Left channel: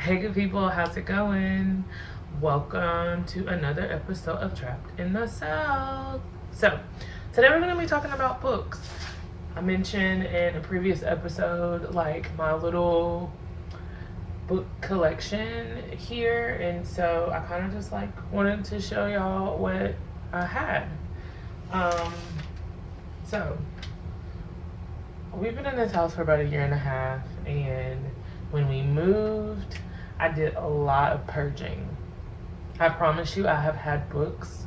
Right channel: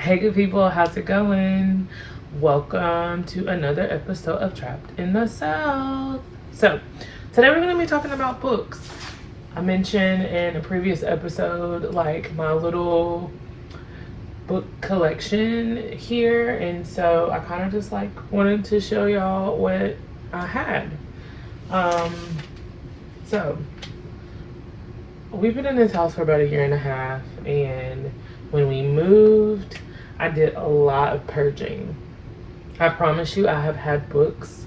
Hey good people, how's it going? Welcome to another episode of Trapped in the South. So, today we're going to be talking about books. I mentioned in a previous episode like my little book collection here, and so I kind of just like wanted to show y'all what I had. Um, so we've been in this house for about a year and a half, and when we moved, I did a lot of purging. I promise you, I have had books,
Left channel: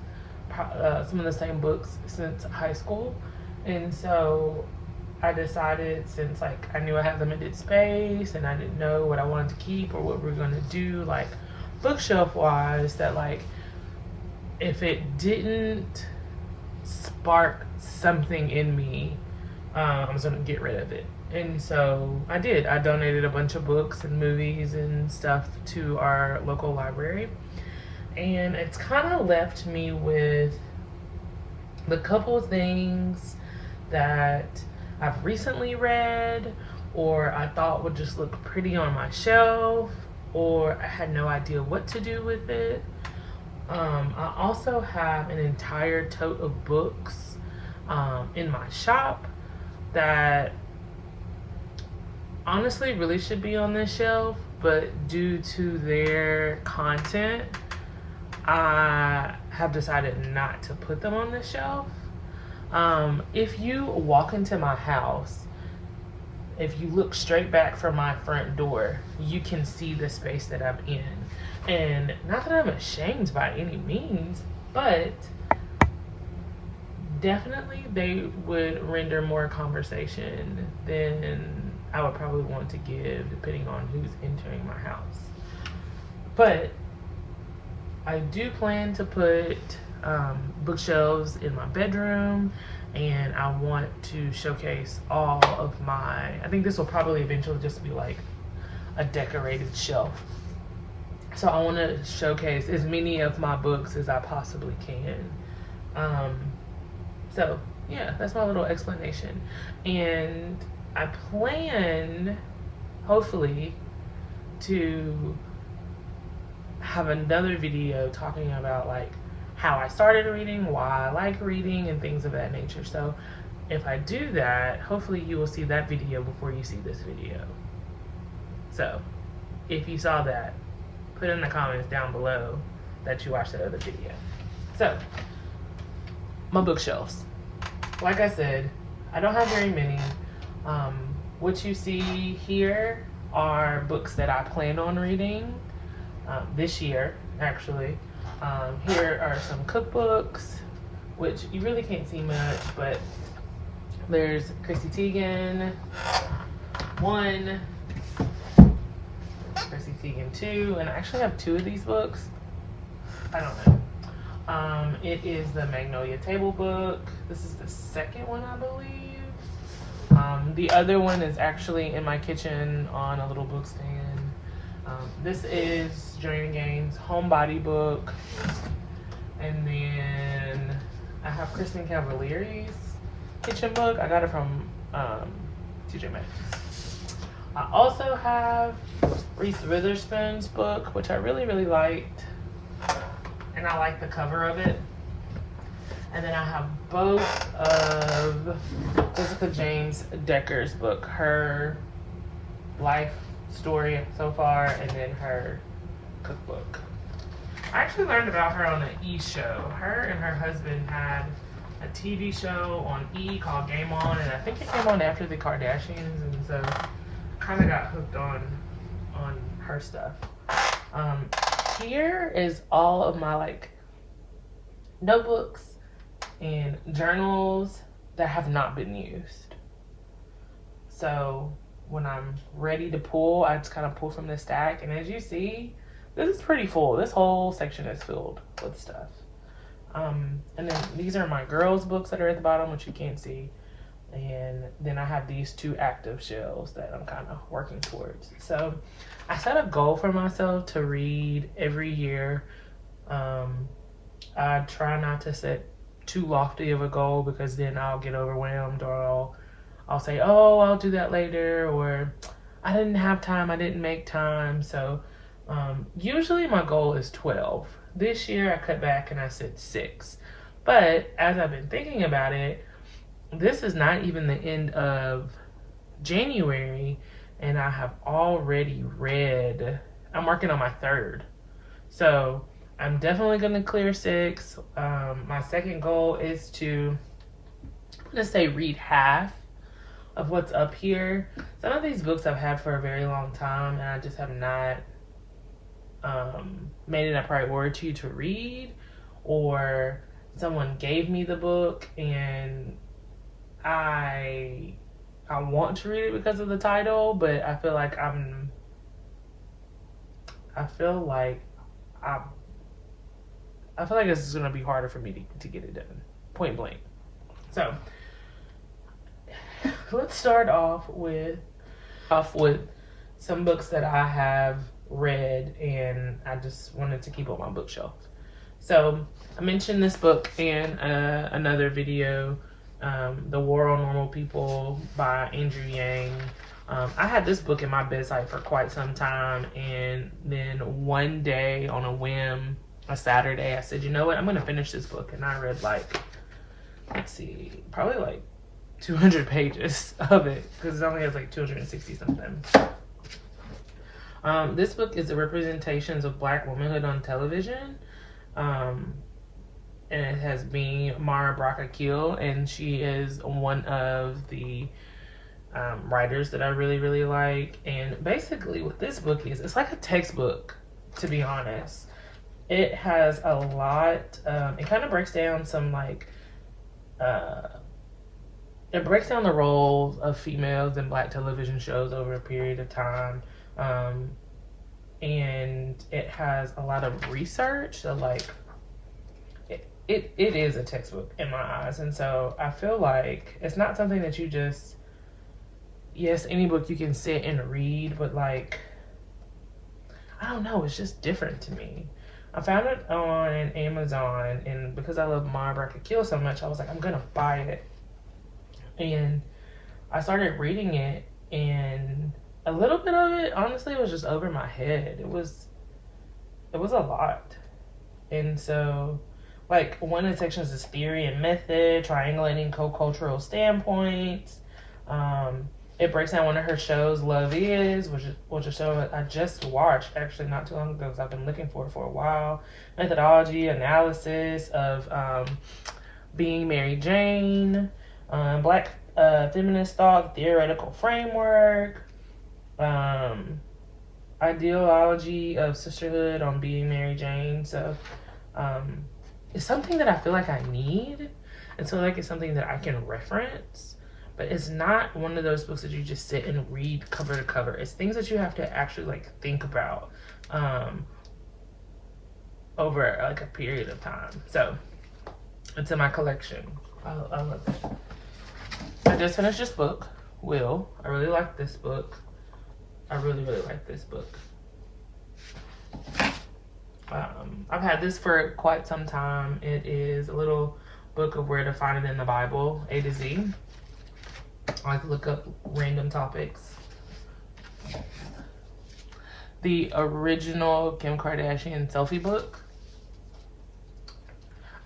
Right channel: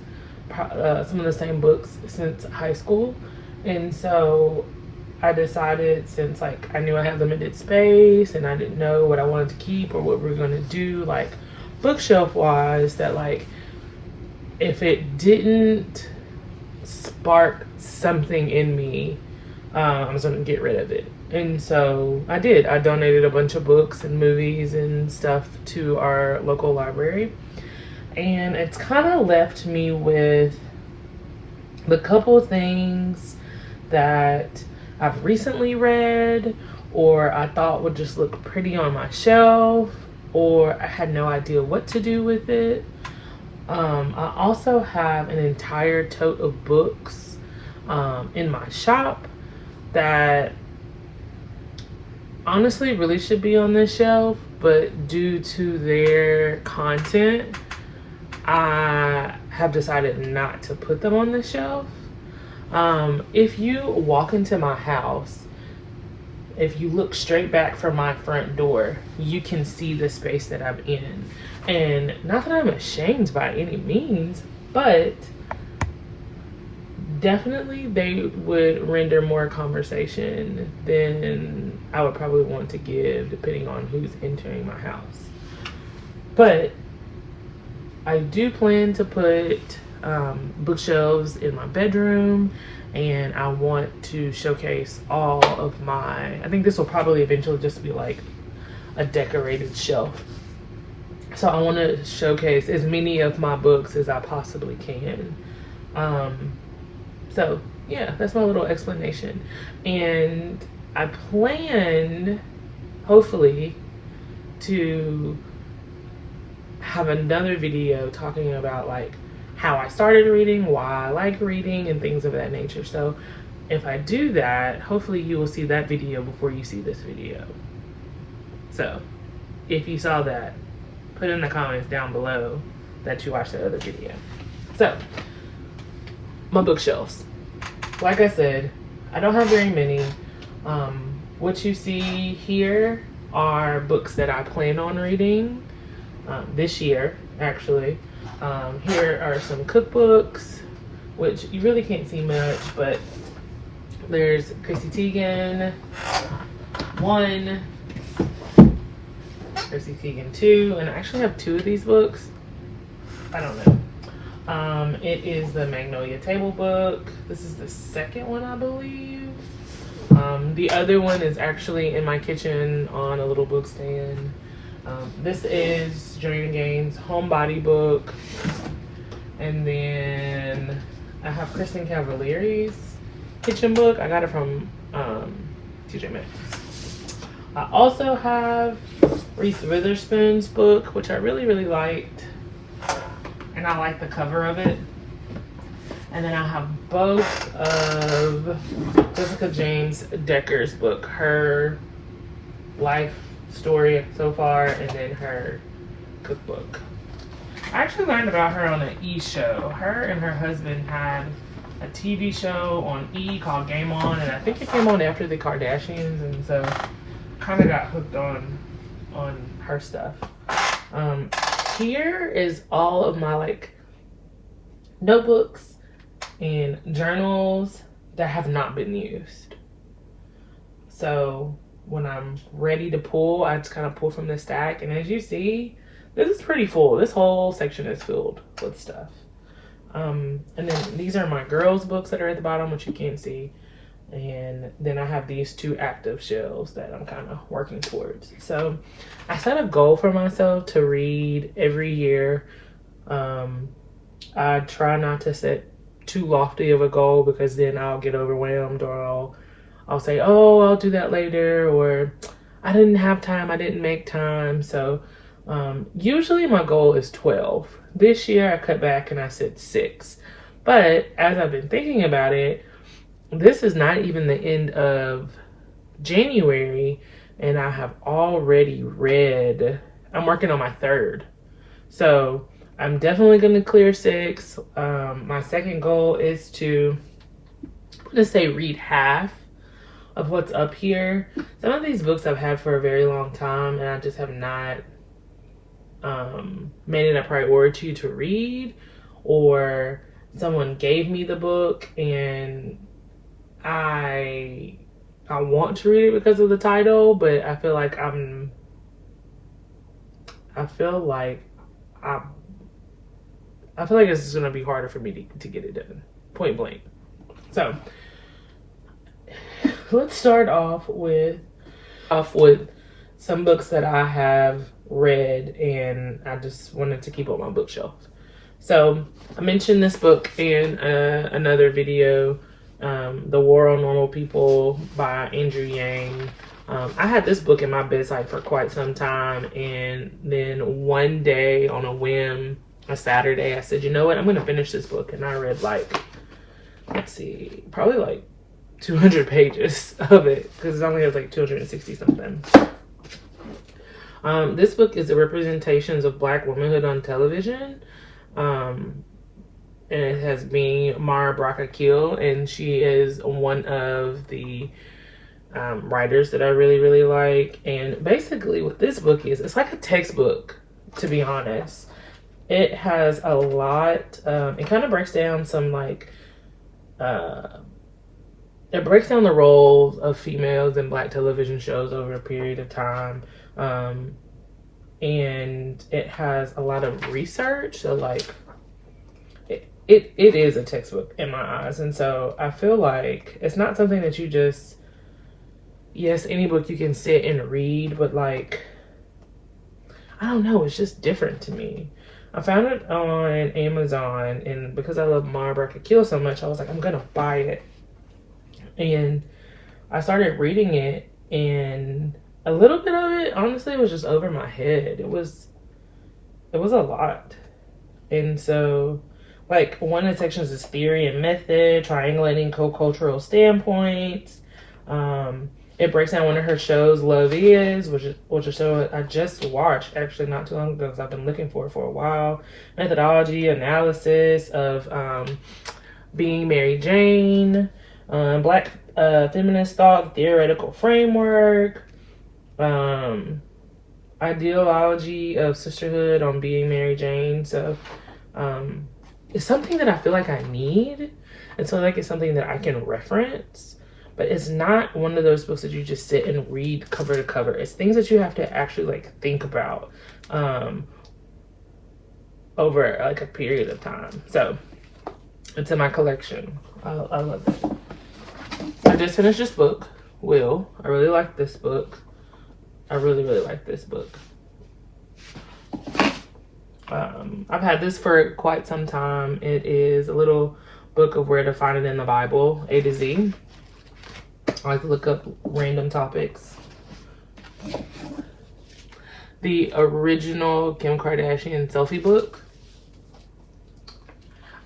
some of the same books since high school, and so I decided, since like I knew I had limited space and I didn't know what I wanted to keep or what we were gonna do, like bookshelf wise, that like if it didn't spark something in me, I was gonna get rid of it. And so I did. I donated a bunch of books and movies and stuff to our local library. And it's kind of left me with the couple things that I've recently read or I thought would just look pretty on my shelf, or I had no idea what to do with it. I also have an entire tote of books in my shop that honestly really should be on this shelf, but due to their content, I have decided not to put them on the shelf. If you walk into my house, if you look straight back from my front door, you can see the space that I'm in. And not that I'm ashamed by any means, but definitely they would render more conversation than I would probably want to give, depending on who's entering my house. But I do plan to put bookshelves in my bedroom, and I want to showcase all of my, I think this will probably eventually just be like a decorated shelf. So I want to showcase as many of my books as I possibly can. So yeah, that's my little explanation. And I plan, hopefully, to have another video talking about like how I started reading, why I like reading, and things of that nature. So if I do that, hopefully you will see that video before you see this video. So if you saw that, put in the comments down below that you watched the other video. So my bookshelves, like I said, I don't have very many. What you see here are books that I plan on reading this year, actually. Here are some cookbooks, which you really can't see much, but there's Chrissy Teigen 1, Chrissy Teigen 2, and I actually have 2 of these books. I don't know. It is the Magnolia Table book. This is the second one, I believe. The other one is actually in my kitchen on a little book stand. This is Joanne Gaines' Homebody book. And then I have Kristen Cavallari's kitchen book. I got it from TJ Maxx. I also have Reese Witherspoon's book, which I really, really liked. And I like the cover of it. And then I have both of Jessica James Decker's book, her life story so far, and then her cookbook. I actually learned about her on an E! Show. Her and her husband had a TV show on E! called Game On, and I think it came on after the Kardashians, and so kind of got hooked on her stuff. Here is all of my like notebooks and journals that have not been used. So when I'm ready to pull, I just kind of pull from the stack, and as you see, this is pretty full. This whole section is filled with stuff. And then these are my girls' books that are at the bottom, which you can't see. And then I have these 2 active shelves that I'm kind of working towards. So I set a goal for myself to read every year. I try not to set too lofty of a goal, because then I'll get overwhelmed, or I'll say, oh, I'll do that later, or I didn't have time, I didn't make time. So Usually my goal is 12. This year I cut back and I said 6. But as I've been thinking about it, this is not even the end of January, and I have already read, I'm working on my 3rd. So I'm definitely going to clear 6. My second goal is to, let's say, read half of what's up here. Some of these books I've had for a very long time, and I just have not made it a priority to read, or someone gave me the book and I want to read it because of the title, but I feel like I feel like this is gonna be harder for me to get it done, point blank. So let's start off with some books that I have read and I just wanted to keep on my bookshelf. So I mentioned this book in another video, The War on Normal People by Andrew Yang. I had this book in my bedside for quite some time, and then one day on a whim, a Saturday, I said, you know what, I'm going to finish this book. And I read like, let's see, probably like 200 pages of it, because it only has like 260 something. This book is the representations of Black womanhood on television. And it has been Mara Brock-Akil, and she is one of the writers that I really, really like. And basically what this book is, it's like a textbook, to be honest. It has a lot, it kind of breaks down some like, it breaks down the roles of females in Black television shows over a period of time. And it has a lot of research, so like it is a textbook in my eyes. And so I feel like it's not something that you just, yes, any book you can sit and read, but like, I don't know, it's just different to me. I found it on Amazon, and because I love Mara Brock-Akil so much, I was like, I'm gonna buy it. And I started reading it, and a little bit of it, honestly, was just over my head. It was a lot. And so, like, one of the sections is theory and method, triangulating co-cultural standpoints. It breaks down one of her shows, Love Is, which is a show I just watched actually not too long ago because I've been looking for it for a while. Methodology, analysis of being Mary Jane, Black feminist thought, theoretical framework, ideology of sisterhood on being Mary Jane. So it's something that I feel like I need, and so like it's something that I can reference. But it's not one of those books that you just sit and read cover to cover. It's things that you have to actually like think about over like a period of time. So it's in my collection. I love it. I just finished this book, Will. I really like this book. I really, really like this book. I've had this for quite some time. It is a little book of where to find it in the Bible, A to Z. I like to look up random topics. The original Kim Kardashian selfie book.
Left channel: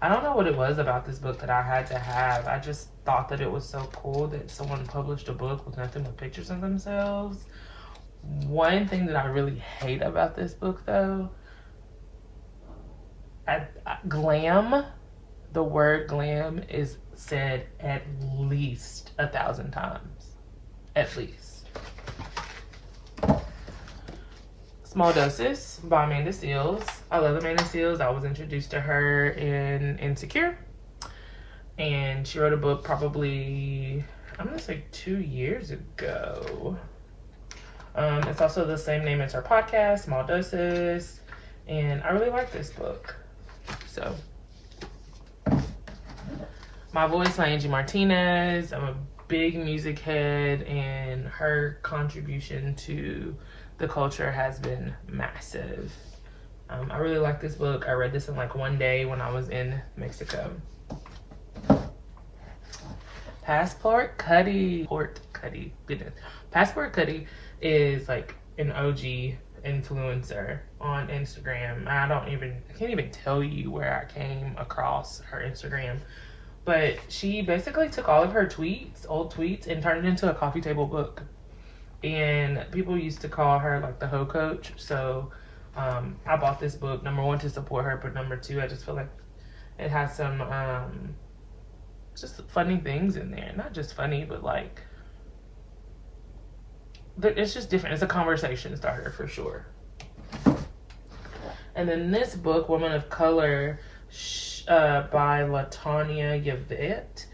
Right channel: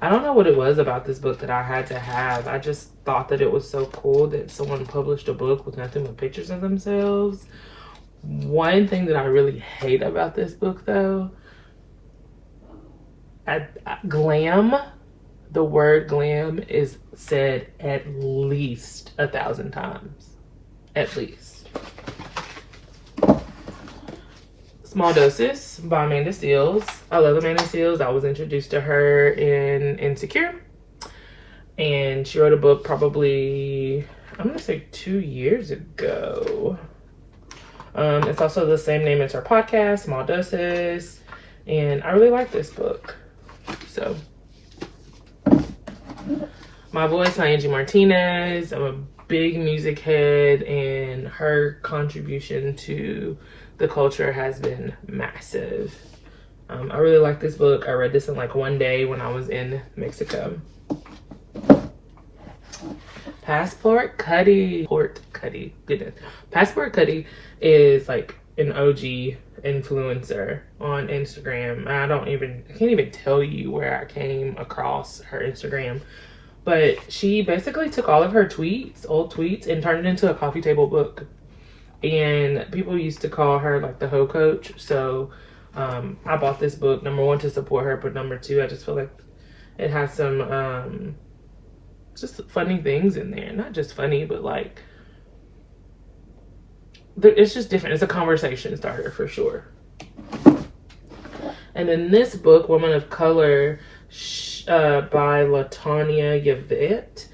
I don't know what it was about this book that I had to have. I just thought that it was so cool that someone published a book with nothing but pictures of themselves. One thing that I really hate about this book, though, glam, the word glam is said at least 1,000 times. At least. Small Doses by Amanda Seales. I love Amanda Seales. I was introduced to her in Insecure. And she wrote a book probably, I'm gonna say 2 years ago. It's also the same name as her podcast, Small Doses. And I really like this book. So, My Voice by Angie Martinez. I'm a big music head, and her contribution to the culture has been massive. I really like this book. I read this in like one day when I was in Mexico. Passport Cuddy. Goodness. Passport Cuddy is like an OG influencer on Instagram. I can't even tell you where I came across her Instagram, but she basically took all of her old tweets, and turned it into a coffee table book. And people used to call her like the hoe coach. So I bought this book, number one, to support her, but number two, I just feel like it has some just funny things in there. Not just funny, but like, it's just different. It's a conversation starter for sure. And then this book, Woman of Color, by Latanya Yvette.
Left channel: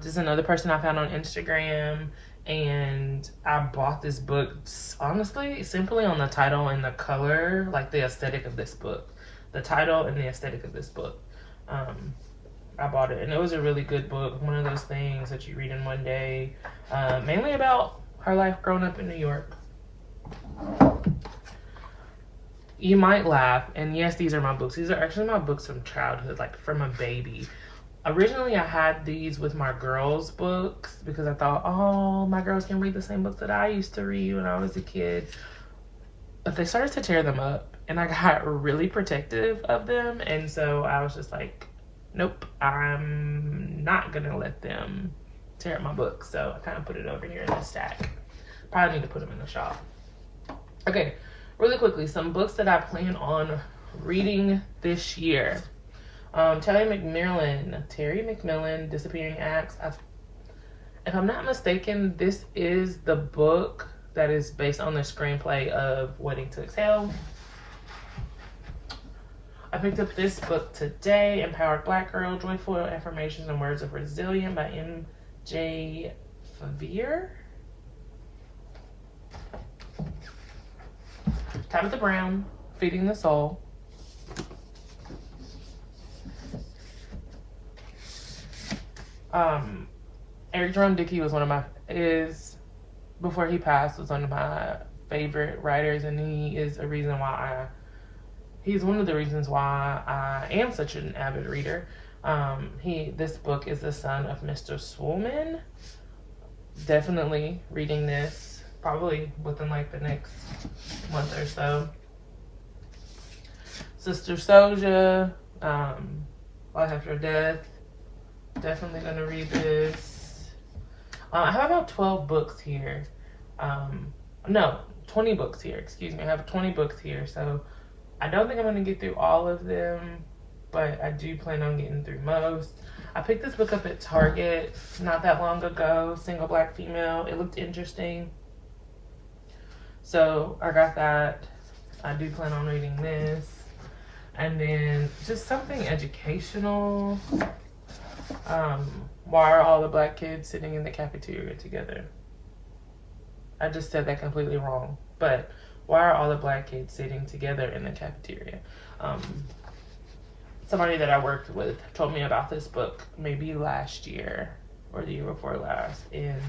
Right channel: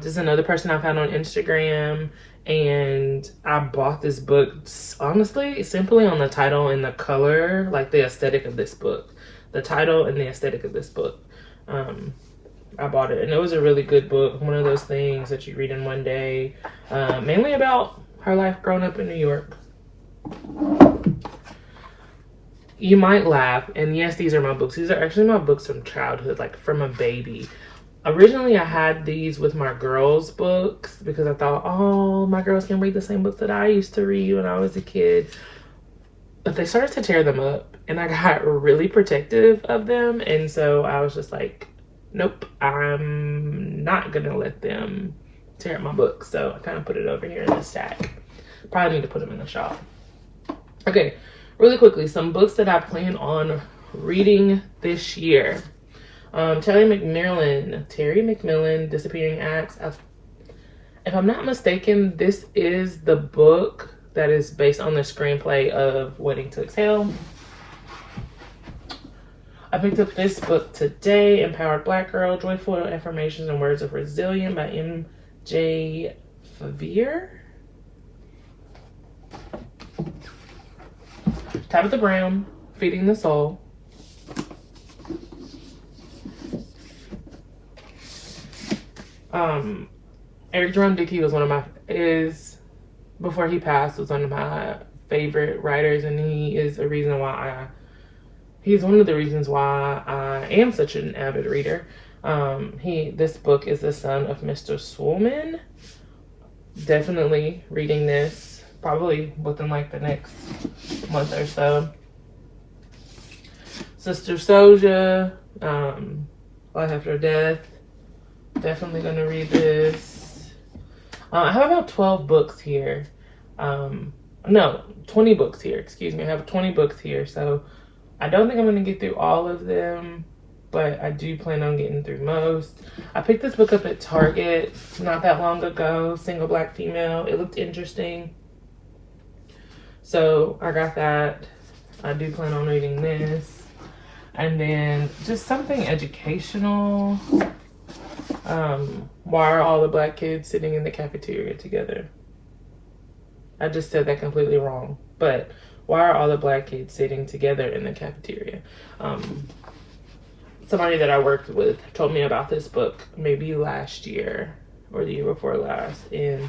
This is another person I found on Instagram, and I bought this book honestly simply on the title and the color, like the aesthetic of this book. The title and the aesthetic of this book. I bought it, and it was a really good book. One of those things that you read in one day, mainly about her life growing up in New York. You might laugh, and yes, these are my books. These are actually my books from childhood, like from a baby. Originally, I had these with my girls' books because I thought, oh, my girls can read the same books that I used to read when I was a kid. But they started to tear them up, and I got really protective of them. And so I was just like, nope, I'm not gonna let them tear up my books. So I kind of put it over here in the stack. Probably need to put them in the shop. Okay, really quickly, some books that I plan on reading this year. Terry McMillan, Disappearing Acts. If I'm not mistaken, this is the book that is based on the screenplay of Waiting to Exhale. I picked up this book today, Empowered Black Girl, Joyful Affirmations and Words of Resilience by M.J. Favere. Tabitha Brown, Feeding the Soul. Eric Jerome Dickey was before he passed, was one of my favorite writers, and he's one of the reasons why I am such an avid reader. This book is the son of Mr. Swolman. Definitely reading this probably within like the next month or so. Sister Souja, Life After Death. Definitely gonna read this. I have about 12 books here. No, 20 books here. Excuse me. I have 20 books here. So I don't think I'm gonna get through all of them, but I do plan on getting through most. I picked this book up at Target not that long ago. Single Black Female. It looked interesting, so I got that. I do plan on reading this. And then just something educational. Why are all the black kids sitting in the cafeteria together? I just said that completely wrong. But why are all the black kids sitting together in the cafeteria? Somebody that I worked with told me about this book maybe last year or the year before last. And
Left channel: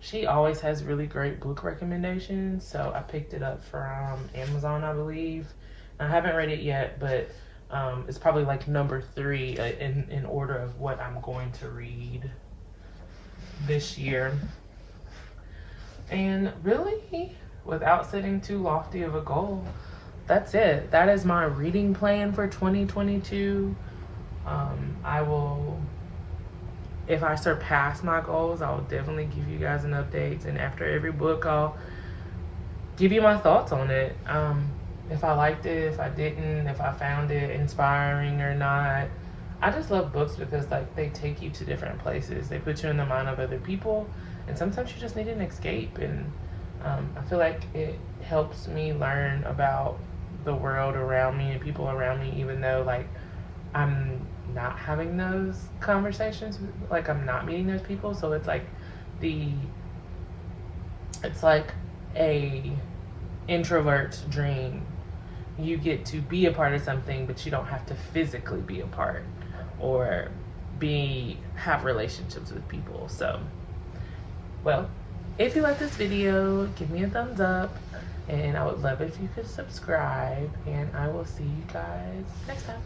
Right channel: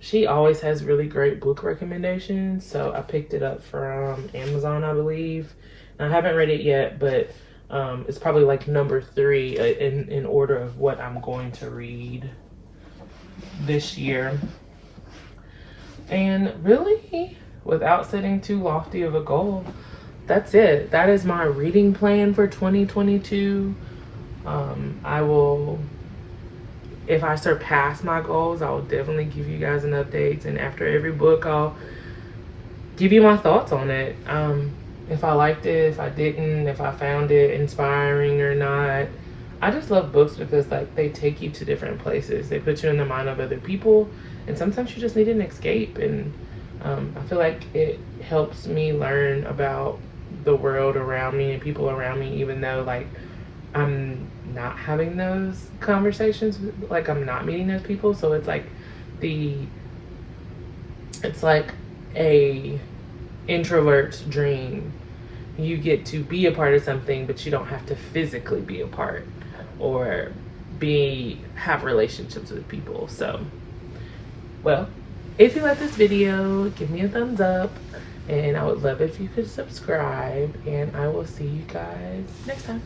she always has really great book recommendations. So I picked it up from Amazon, I believe. And I haven't read it yet, but it's probably like number 3 in order of what I'm going to read this year. And really, without setting too lofty of a goal, that's it. That is my reading plan for 2022. I will, if I surpass my goals, I'll definitely give you guys an update. And after every book, I'll give you my thoughts on it. If I liked it, if I didn't, if I found it inspiring or not. I just love books because like they take you to different places. They put you in the mind of other people, and sometimes you just need an escape. And I feel like it helps me learn about the world around me and people around me, even though like I'm not having those conversations, like I'm not meeting those people. So it's like a introvert's dream. You get to be a part of something, but you don't have to physically be a part or have relationships with people. So, well, if you like this video, give me a thumbs up, and I would love if you could subscribe, and I will see you guys next time.